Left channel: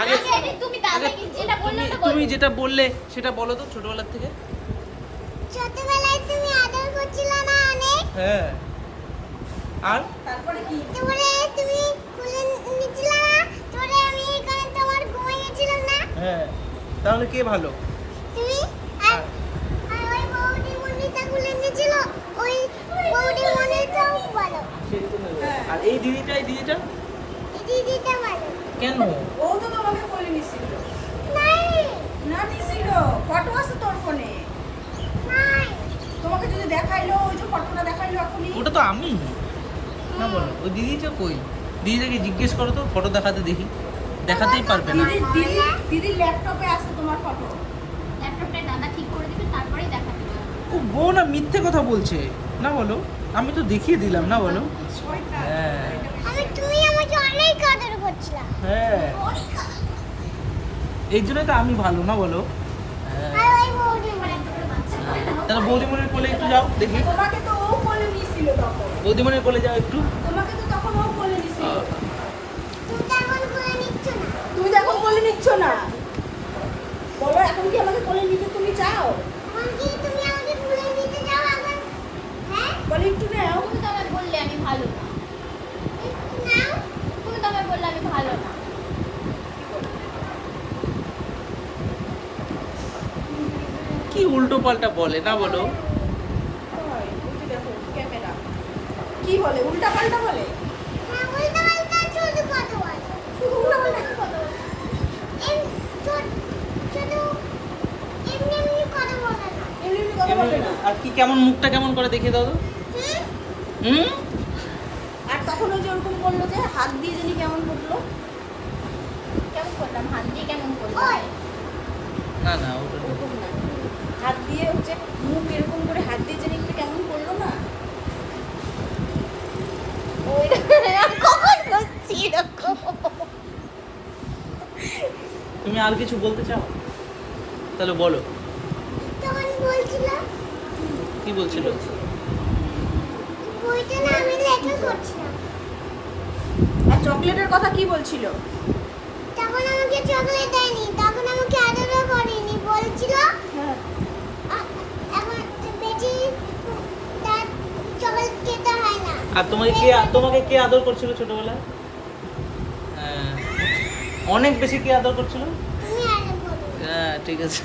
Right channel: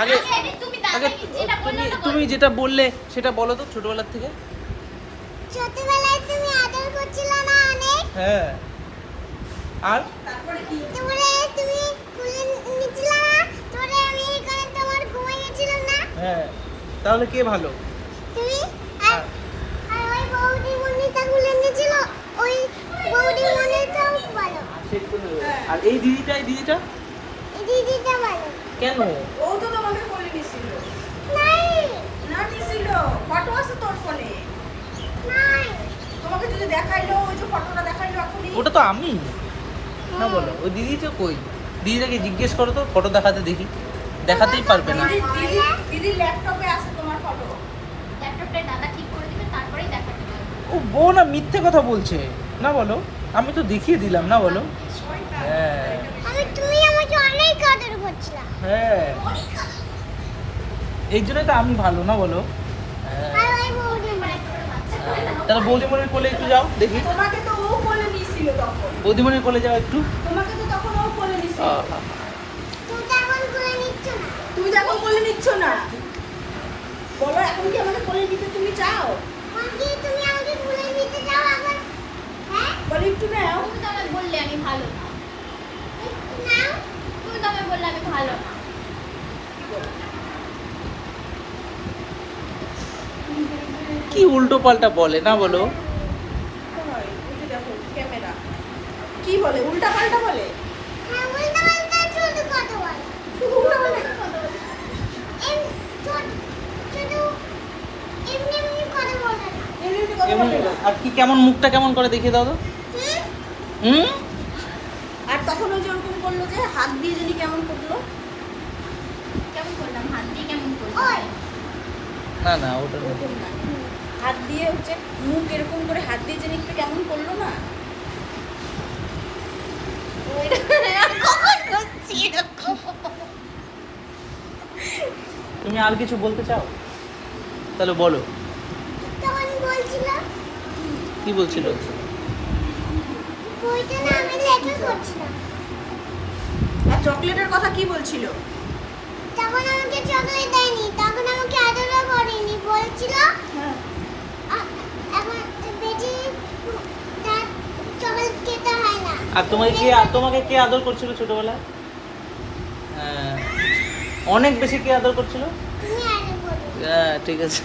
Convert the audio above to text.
আগে আগে তুমি যেটা বললে সেটা বলো তো ছোটবেলার থেকে। ছোটবেলায় তুমি আদর করছিলে না অনেক? হ্যাঁ। আর তারপরে কি? তারপরে তুমি কোলে নিছিলে না? তারপরে আমি এখানে তোমার ঘুমিয়ে গেছিলাম না? হ্যাঁ, তাহলে কে ভালো? তুমি আর ওই বউদি মনিটা কোলে নিয়েছিল, ওই বউদি মনিটাও ভালো। আর এই দিদিটা এই দিদিটা ভালো। কেন? ও তো তোমাকে কোলে নিছিল। নাই না নিছিল, ফটো আছে তোর ফোনে। নাই তোমাকে যদি দেখাইলো, ওই যে ফটোটা দেখাইলো এখনই। ওটা তো আমি না, বলো ওই দিদিটা কই? দিদিটাকে জিজ্ঞেস করো তো, ফটো দেখাতে দেখি। দেখাতেই পারবে না। দিদির ল্যাপটপে আছে তোমার ফটো। ল্যাপটপটা দাদা ঠিক করে দিবে, তারপরেই দেখাতে পারবে। ও বউ না মিথ্যে কথা বলছে না, বলো আমি তো দেখিয়ে দিলাম না, বলো। হ্যাঁ তুমি আমাকে অনেক আদর করছিলা। হ্যাঁ, এই জন্যই তো আমি ভালো না, বলো। হ্যাঁ, আর ওই বউদি মনি। তাহলে বৌদিমণির কোলে একটু যাও দেখি। তোমাকে তো ও কোলে নিছিল তখন। বৌদিমণির কোলে যাও একটু। তোমাকে তো তখন ও কোলে নিছিল। তুমি তো এখন কোলে নিচ্ছ না। তুমি তো এখন কোলে নিচ্ছ না। বলো, এখন কি আমাকে কোলে নিতে তুমি চাও? এখন কি তুমি আমাকে কোলে নিতে যাও আবার? হ্যাঁ? বলে একটু নাও। তুমি তো আমায় বললে আমি ভালো না। নাও। তুমি তো আমায় বললে আমি ভালো না। কি উল্টো পাল্টা বলে না, বলো। ওই যে দেখো ক্যামেরা। কি বলে? উল্টা পাল্টা বলে? হ্যাঁ, উল্টা পাল্টা শুধু কথা বলে। শুধু উল্টা পাল্টা কথা বলে। শুধু এমনি এমনি কথা বলে না। এমনি এমনি কথা বলে না। আর কি কেমন মুখটা কেমন করে দেখিয়ে দাও তো। হুম? হুম, আর তখন ওই যে ওরকম করলো যে হাত দিয়ে যিনি কেমন করলো। কেমন করলাম? হাত দিয়ে কেমন করলাম? ওই না না ওটা না। ওরকম না। হাত দিয়ে হচ্ছে মুখ এরকম করে হাত দিয়ে যিনি একটু কেমন করলো না। কখন করছি এরকম? তুমি আর কিছু বলতে চাও? তাহলে বলো, তখন বলছিল, কি বলছিল? বলতে না আমি লেখা করছিলাম। আর চকলেটের কথা কি বলছিল? তখন আমাকে চকলেট দেয়নি, তখন আমাকে আদরও করেনি, বলছিল হ্যাঁ। এখন বেশি তার চকলেট খেতে হয় না। আর তোমাকে কে আদর করছিল ছোটবেলায়? হ্যাঁ, অনেক বেশি কে আদর করছিল? তুমি আগে বলো। হ্যাঁ ঠিক আছে।